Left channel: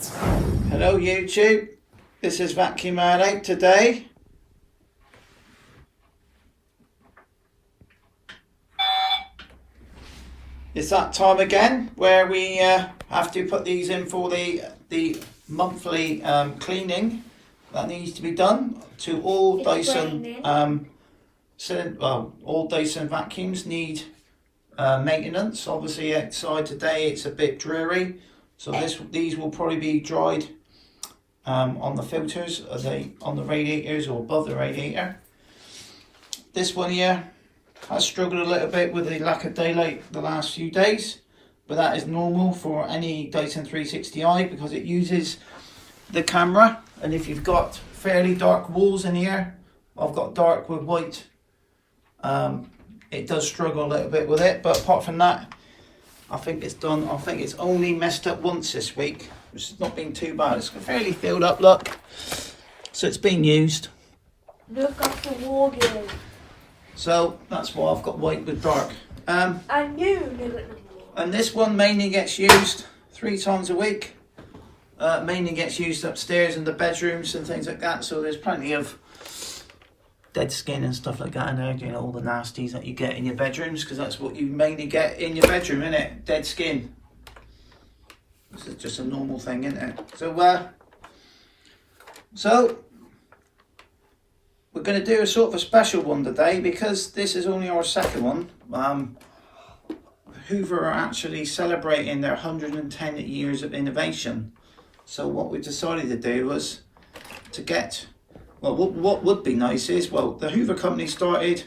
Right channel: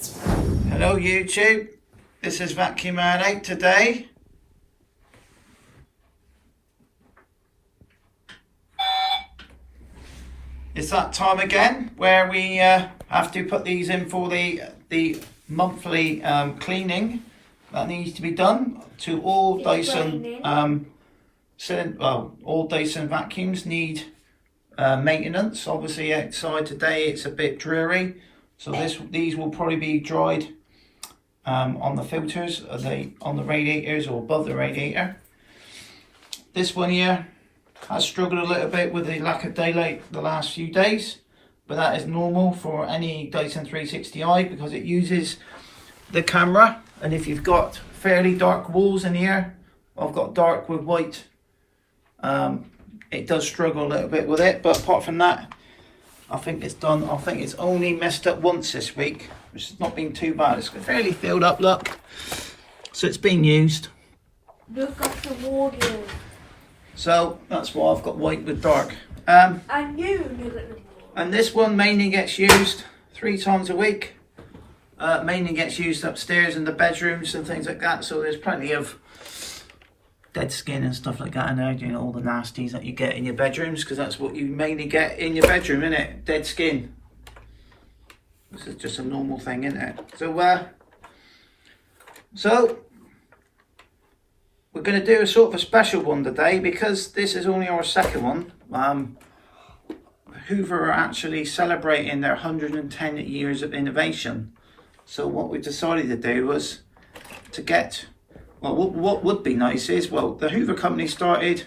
Hello YouTube, this is Vacuum Man 8 today. It's that time again where we have to put these in for the monthly cleaning that needs to be done to all Dyson all Dyson vacuums need maintenance. Obviously outside today it's a bit dreary, so these will probably be dried on the filters, on the radiators or above the radiator. This one here has struggled a little bit with the lack of daylight the last few days, but that is normal for any Dyson 360i because it uses the camera, and if you've got fairly dark walls in here, I've got dark with white, it does struggle a little bit with it, but apart from that I think it's done. I think it's only messed up once this week, which has not been too bad. It's fairly filled up, look, so it's been used. Look at the wardrobe. So that's why I've got white with dark. And you look at the wardrobe. And this one mainly gets used 3 times a week. Mainly gets used upstairs in the bedrooms and things like that. So there's plenty of dead skin and stuff like that in there. You know, all the nasties that you get in your bedrooms, because that's what you mainly get in your bedroom, isn't it? Dead skin. This is just a normal thing, isn't it? So we're going to do a sort of a special one today because this is only our second one. Hoover are actually celebrating their 110 years of innovation. So what we decided to do was to get, well, what would be nice is, well, the Hoover company started,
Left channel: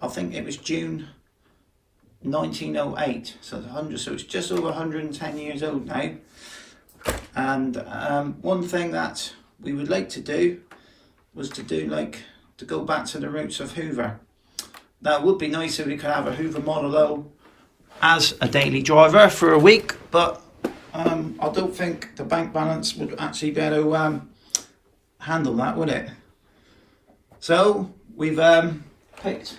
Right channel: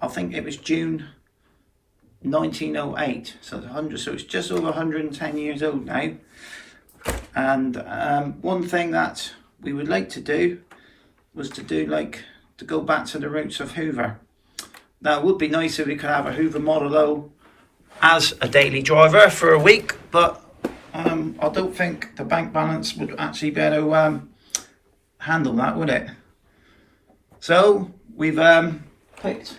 I think it was June 1908, so it's just over 110 years old now. And one thing that we would like to do was to go back to the roots of Hoover. Now it would be nice if we could have a Hoover Model O as a daily driver for a week, but I don't think the bank balance would actually be able to handle that, would it? So we've picked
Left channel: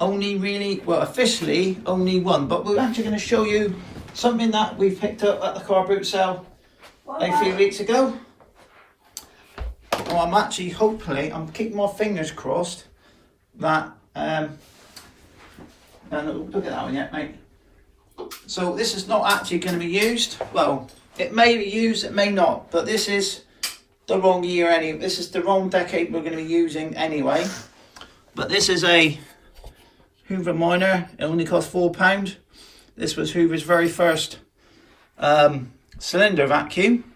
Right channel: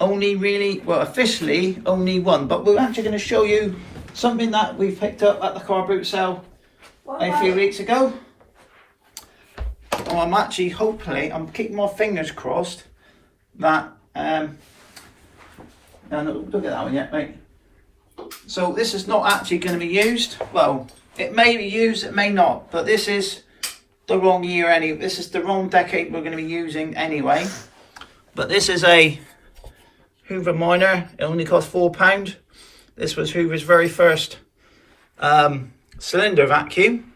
officially only one, but we're actually going to show you something that we picked up at the car boot sale a few weeks ago. Well, I'm keeping my fingers crossed that, and look at that one yet, mate. So this is not actually going to be used. Well, it may be used, it may not, but this is the wrong year anyway. This is the wrong decade we're going to be using anyway. But this is a Hoover Minor. It only cost £4. This was Hoover's very first cylinder vacuum.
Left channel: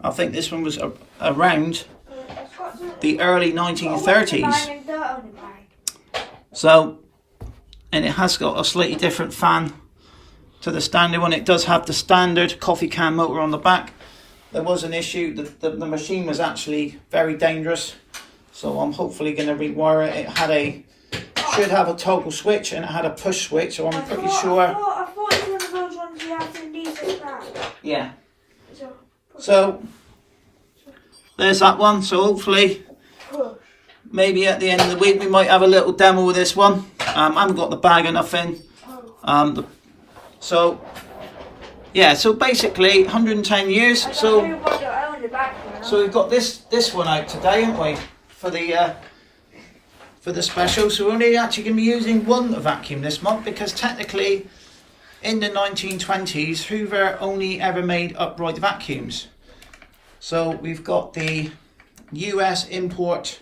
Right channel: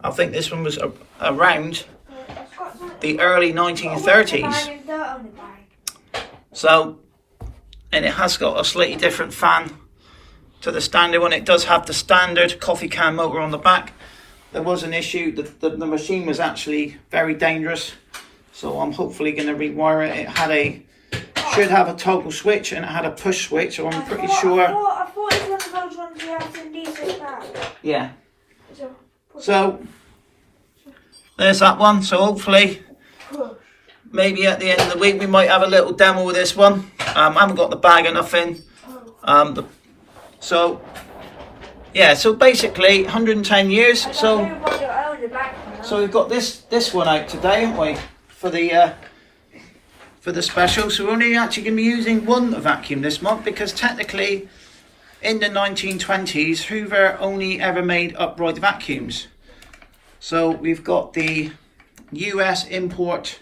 I think this one was around the early 1930s. So, and it has got a slightly different fan to the standard one. It does have the standard coffee can motor on the back. There was an issue, the machine was actually very dangerous, so I'm hopefully going to rewire it. It should have a toggle switch and it had a push switch, so I'm pretty sure. I thought it was one of those ones you have to leave back. Yeah. So there's that one. So hopefully, maybe at the end of the week we might have a little demo with this one. I haven't got the bag or nothing. So yeah, so basically 110 years. So we've got this one out today, haven't we, for the special. So we're only actually going to be using one vacuum this month, because technically in the 1920s Hoover only ever made upright vacuums. So we've got the US import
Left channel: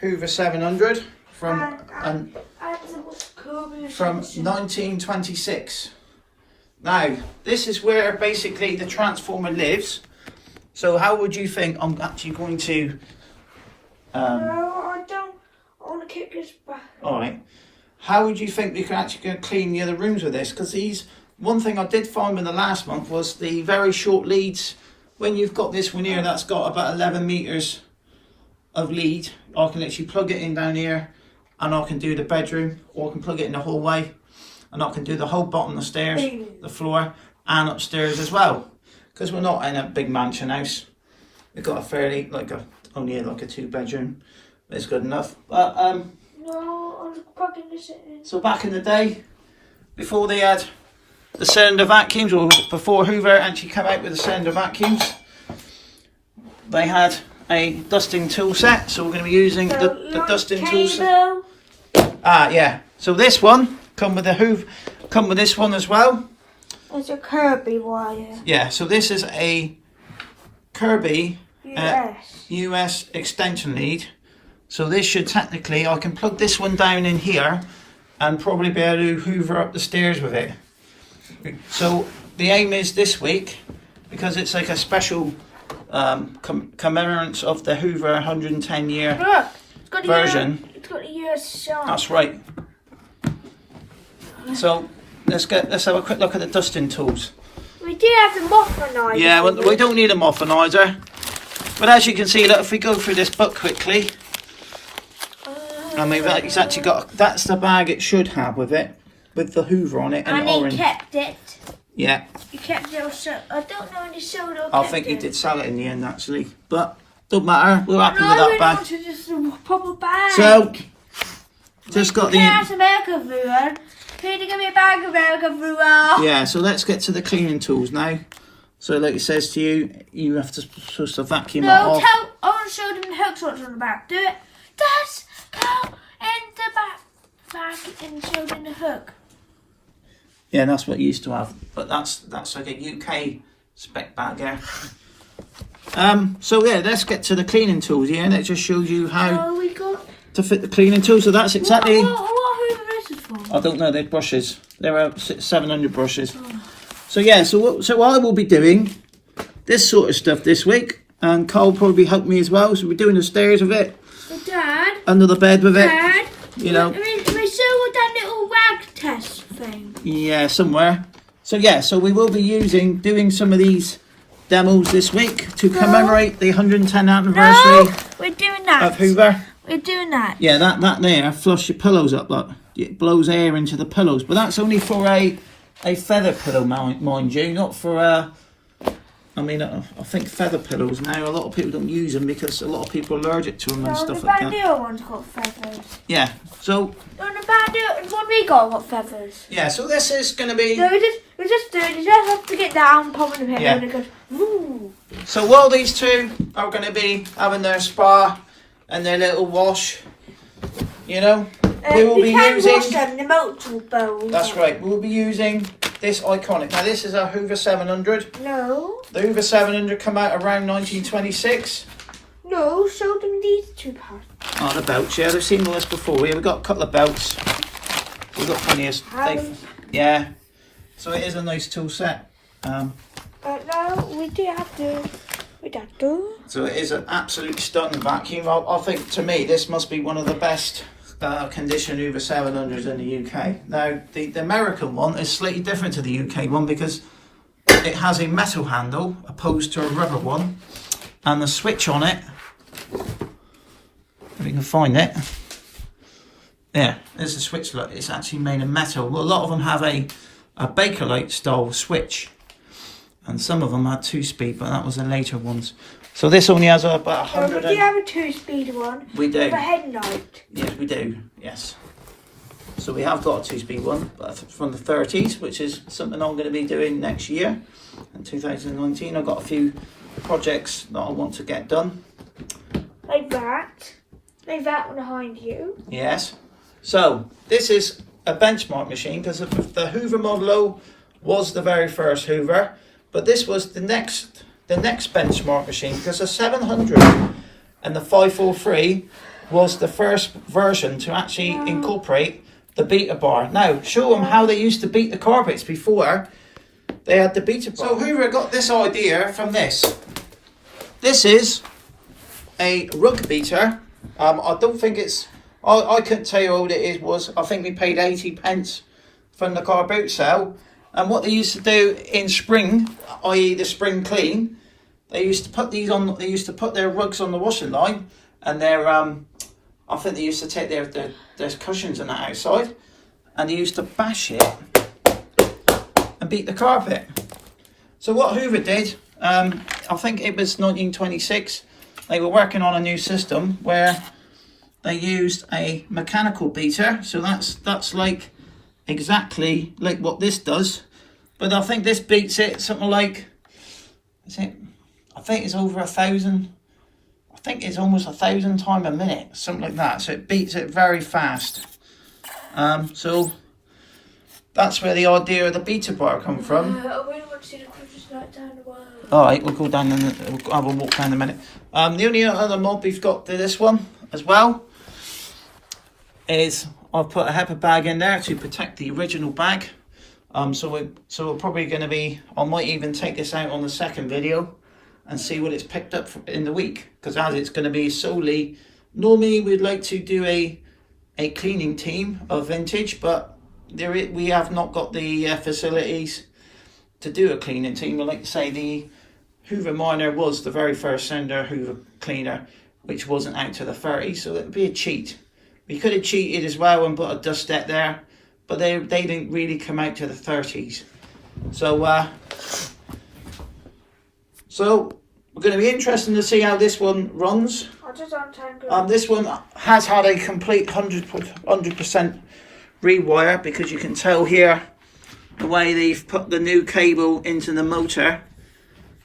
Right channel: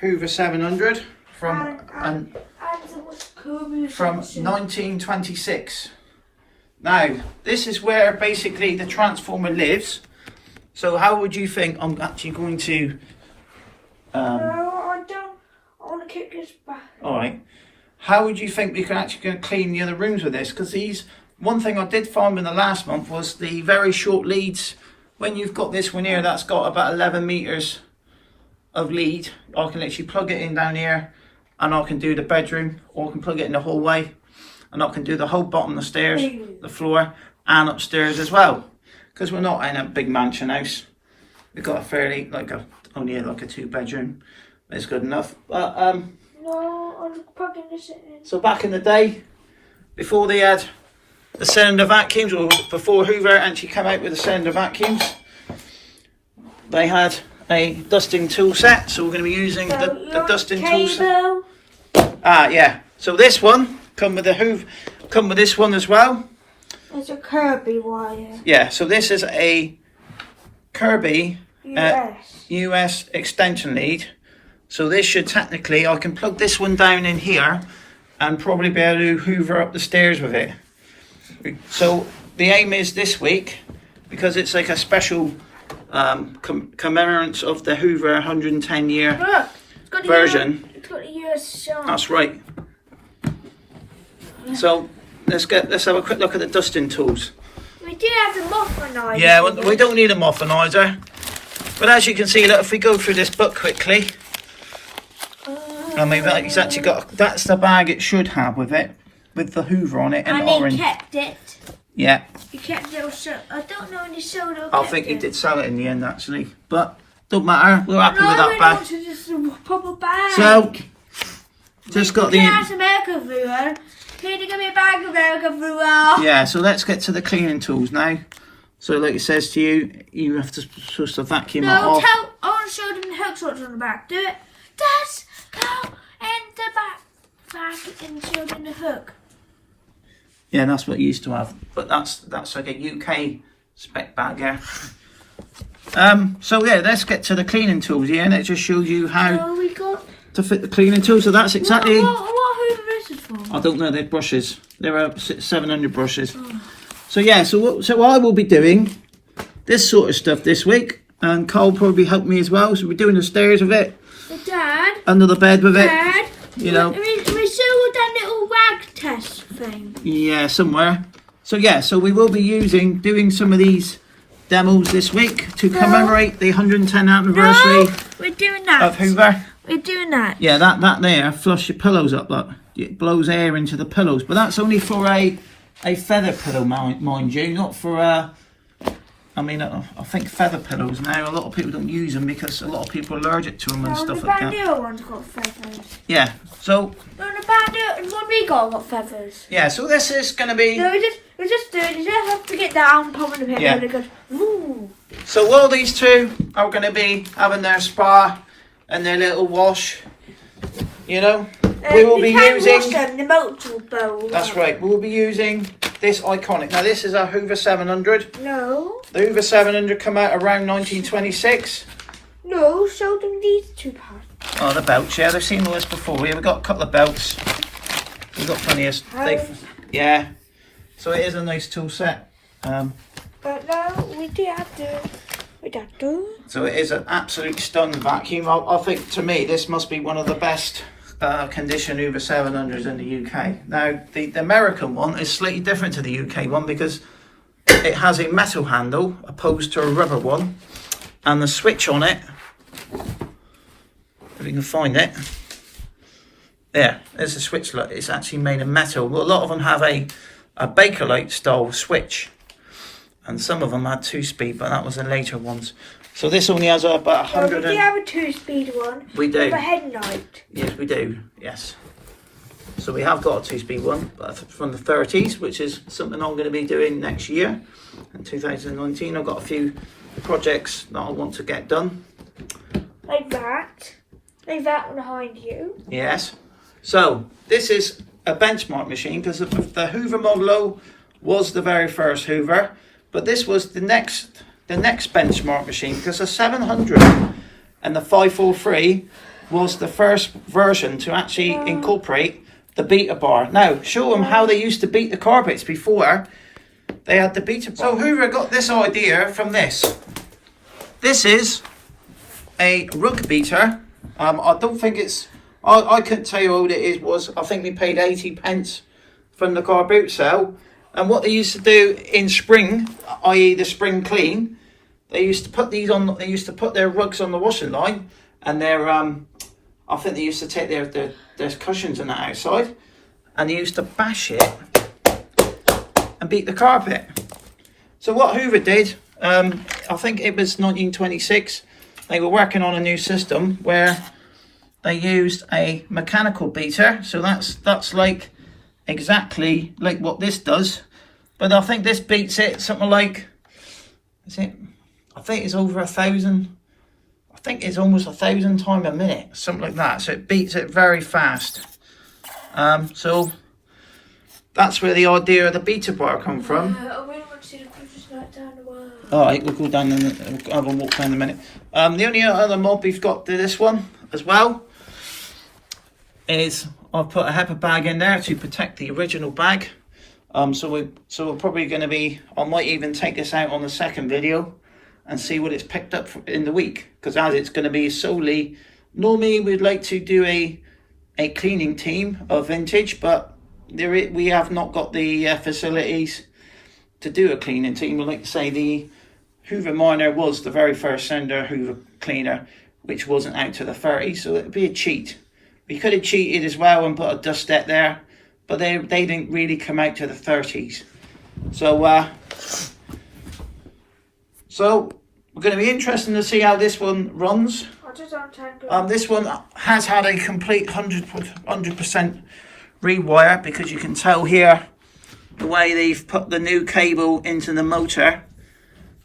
Hoover 700 from 1926. Now this is where basically the transformer lives. So how would you think I'm actually going to no, I don't. I want to keep this back. Alright. How would you think we can actually clean the other rooms with this? Because one thing I did find in the last month was the very short leads. When you've got this one here that's got about 11 meters of lead, I can literally plug it in down here and I can do the bedroom, or I can plug it in the hallway and I can do the whole bottom of the stairs, the floor and upstairs as well. Because we're not in a big mansion house. We've got a fairly, only like a 2-bedroom. It's good enough. But no, I'm plugging this in. So back in the day, before they had the cylinder vacuums, or before Hoover actually came out with the cylinder vacuums, they had a dusting tool set, so we're going to be using the dusting tool set. Ah, yeah. So this one come with this one as well. There's a Kirby wire. Yeah. So this is a Kirby US extension lead. So this should technically, I can plug this one down in here, and probably be able to Hoover up the stairs with it. So the aim is this week, because it's like a special commemorance of the Hoover 110 year version. It's got a US shot. That's right. So let's have a quick look at the dusting tools. We did have the moffinizer. Yeah, we don't need a moffinizer, but as you can see, look, if we go through this book quickly, I mean, it's actually got, that's the bag it should have with it, with the Hoover on it, and orange. And he kept it. Yeah. He kept it also. I don't know if he sold it. I think he did sell it in the end, actually, but don't matter. We're happy with that bag. Just a proper bag. So, just got the. America Brewer. Can you give me a bag of America Brewer? Yeah. So let's get to the cleaning tools now. So, like it says to you, you have to supposed to vacuum it off. No, I want to show them the hooks what's on the back. Do it. That's go in the back and show them the hook. Yeah, that's what you used to have, but that's like a UK spec bag, yeah. So yeah, let's get to the cleaning tools. Yeah, and it just shows you how to fit the cleaning tool. So that's exactly. What Hoover is it for? I don't know. They're brushes. There are 700 brushes. Oh. So yeah, so I will be doing this sort of stuff this week, and Carl will probably help me as well. So we're doing the stairs with it. Dad. Under the bed with Dad, it. You know. We still with that little rag test thing. Yeah, somewhere. So yeah, so we will be doing some of these demos this week to commemorate the 110th anniversary. No, we're doing that. Of Hoover. We're doing that. Yeah, that there, flush your pillows up, look. It blows air into the pillows, but that's only for a feather pillow, mind you, not for I mean, I think feather pillows now, a lot of people don't use them because a lot of people are allergic to them and stuff like that. The Bandito one's got feathers. Yeah, so. No, the Bandito, what we got feathers. Yeah, so this is going to be. No, we just do it. You just have to get down, pop in the pit, and it goes, woo. So while these two are going to be having their spa and their little wash, you know, we will be using. Wash them, the multiple bowls. That's right, we will be using this iconic. Now, this is a Hoover 700. No. The Hoover 700 come out around 1926. No, show them these two parts. Oh, the belts, yeah, they've seen all this before. Yeah, we've got a couple of belts. We've got plenty of. Yeah. So it is a nice tool set. But no, we do have to. So it is an absolute stunning vacuum. I think, to me, this must be one of the best condition Hoover 700s in the UK. Now, the American one is slightly different to the UK one because it has a metal handle opposed to a rubber one, and the switch on it, if you can find it, yeah, there's a switch. Look, it's actually made of metal. Well, a lot of them have a Bakelite style switch, and some of them had 2-speed, but that was the later ones. So this only has about 100. We do have a 2-speed one. We do. For headlight. Yes, we do. Yes. So we have got a 2-speed one, but from the 30s, which is something I'm going to be doing next year, in 2019. I've got a few projects that I want to get done. Like that. Like that one behind you. Yes. So this is a benchmark machine because the Hoover Model O was the very first Hoover, but this was the next benchmark machine because the 700 and the 543 was the first version to actually incorporate the beta bar. Now, show them how they used to beat the carpets before they had the beta bar. So Hoover got this idea from this. This is a rug beater. I don't think it's, I couldn't tell you how old it is. I think we paid 80 pence from the car boot sale. And what they used to do in spring, i.e. the spring clean, they used to put these on. They used to put their rugs on the washing line, and their I think they used to take their cushions and that outside, and they used to bash it and beat the carpet. So what Hoover did, I think it was 1926. They were working on a new system where they used a mechanical beater. So that's like exactly like what this does, But I think this beats it. Something like, is it? I think it's over 1,000. I think it's almost 1,000 times a minute, something like that. So it beats it very fast. So that's where the idea of the beta bar come from. I really want to see the Christmas night down the world. Alright, we'll go down and we'll have a walk down in a minute. The only other mod we've got to this one as well is I've put a HEPA bag in there to protect the original bag. So we're probably going to be, I might even take this out on the second video and see what it's picked up in the week, because as it's going to be solely, normally we'd like to do a cleaning team of vintage, but we have not got the facilities to do a cleaning team. Well, like I say, the Hoover Minor was the very first Sounder Hoover cleaner, which wasn't out to the 30s, so it would be a cheat. We could have cheated as well and put a dustette there, but they didn't really come out to the 30s. So we're going to be interested to see how this one runs. This one has had a complete 100% rewire, because you can tell here the way they've put the new cable into the motor.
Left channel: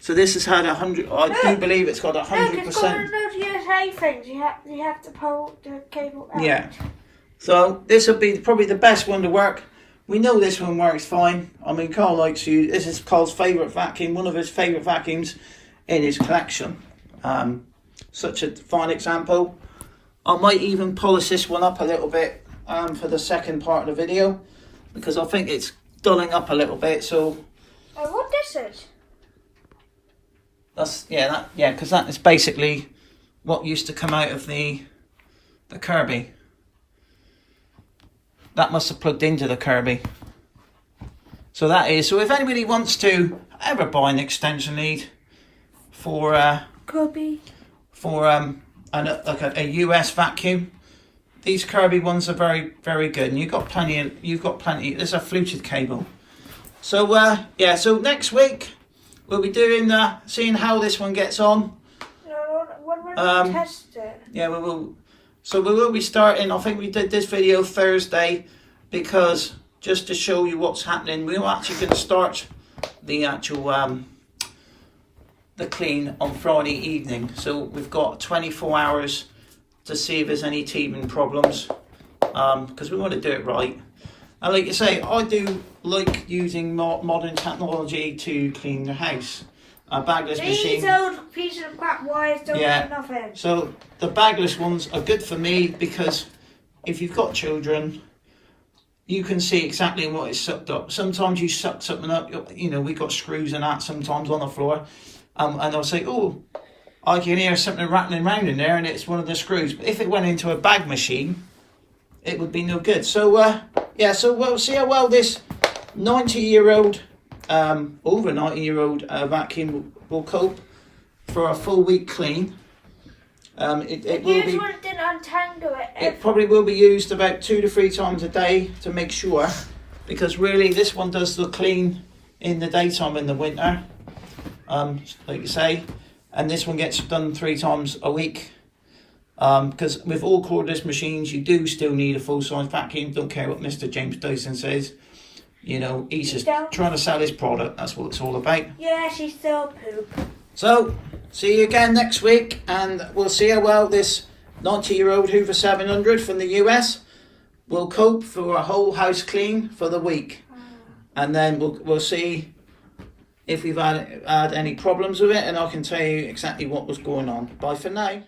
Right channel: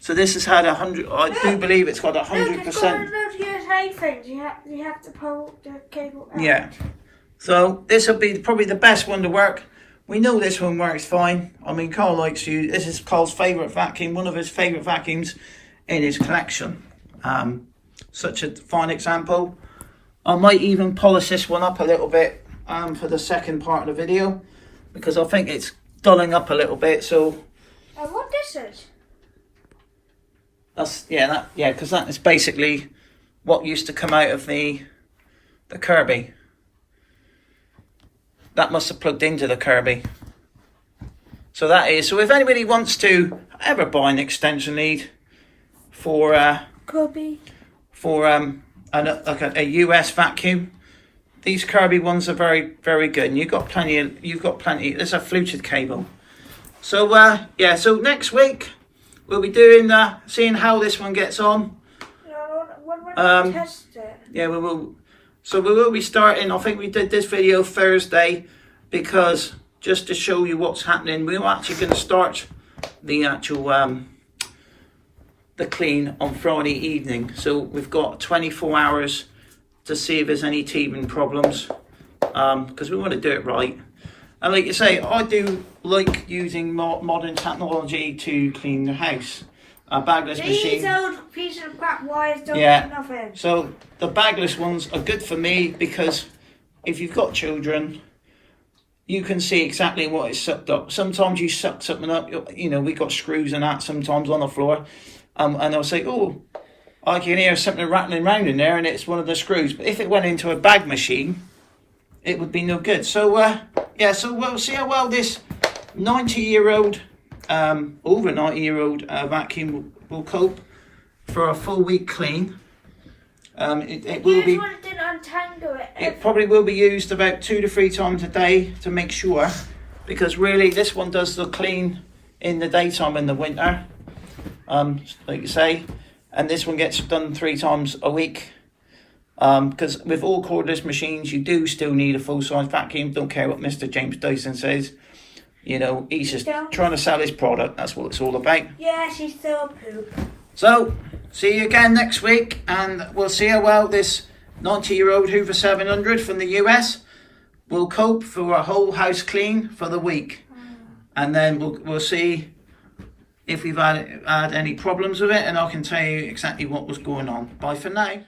So this has had 100. I do believe it's got 100%. Look, it's got a lot of USA things. You have to pull the cable out. Yeah. So this will be probably the best one to work. We know this one works fine. I mean, Carl likes you. This is Carl's favourite vacuum, one of his favourite vacuums in his collection. Such a fine example. I might even polish this one up a little bit for the second part of the video, because I think it's dulling up a little bit. So what this is? That's because that is basically what used to come out of the Kirby. That must have plugged into the Kirby. So that is. So if anybody wants to ever buy an extension lead for Kirby, for like a US vacuum, these Kirby ones are very, very good. And you've got plenty. There's a fluted cable. So yeah. So next week we'll be doing seeing how this one gets on. When we test it. Yeah, we will. So we will be starting. I think we did this video Thursday, because just to show you what's happening, we're actually going to start the actual the clean on Friday evening. So we've got 24 hours to see if there's any teething problems, because we want to do it right. And like you say, I do like using modern technology to clean the house. A bagless machine. These old pieces of crap wires don't have nothing. So the bagless ones are good for me, because if you've got children, you can see exactly what is sucked up. Sometimes you suck something up, you know, we got screws and that sometimes on the floor. And I'll say, oh, I can hear something rattling around in there, and it's one of the screws. But if it went into a bag machine, it would be no good. So yeah, so we'll see how well this 90-year-old, over 90-year-old vacuum will cope for a full week clean. It will be. Didn't untangle it. It probably will be used about 2 to 3 times a day to make sure, because really this one does the clean in the daytime in the winter, like you say, and this one gets done 3 times a week. Because with all cordless machines, you do still need a full-size vacuum. Don't care what Mr. James Dyson says. You know, he's just trying to sell his product. That's what it's all about. Yeah, she's still poop. So, see you again next week, and we'll see how well this 90-year-old Hoover 700 from the US will cope for a whole house clean for the week. And then we'll see if we've had any problems with it, and I can tell you exactly what was going on. Bye for now.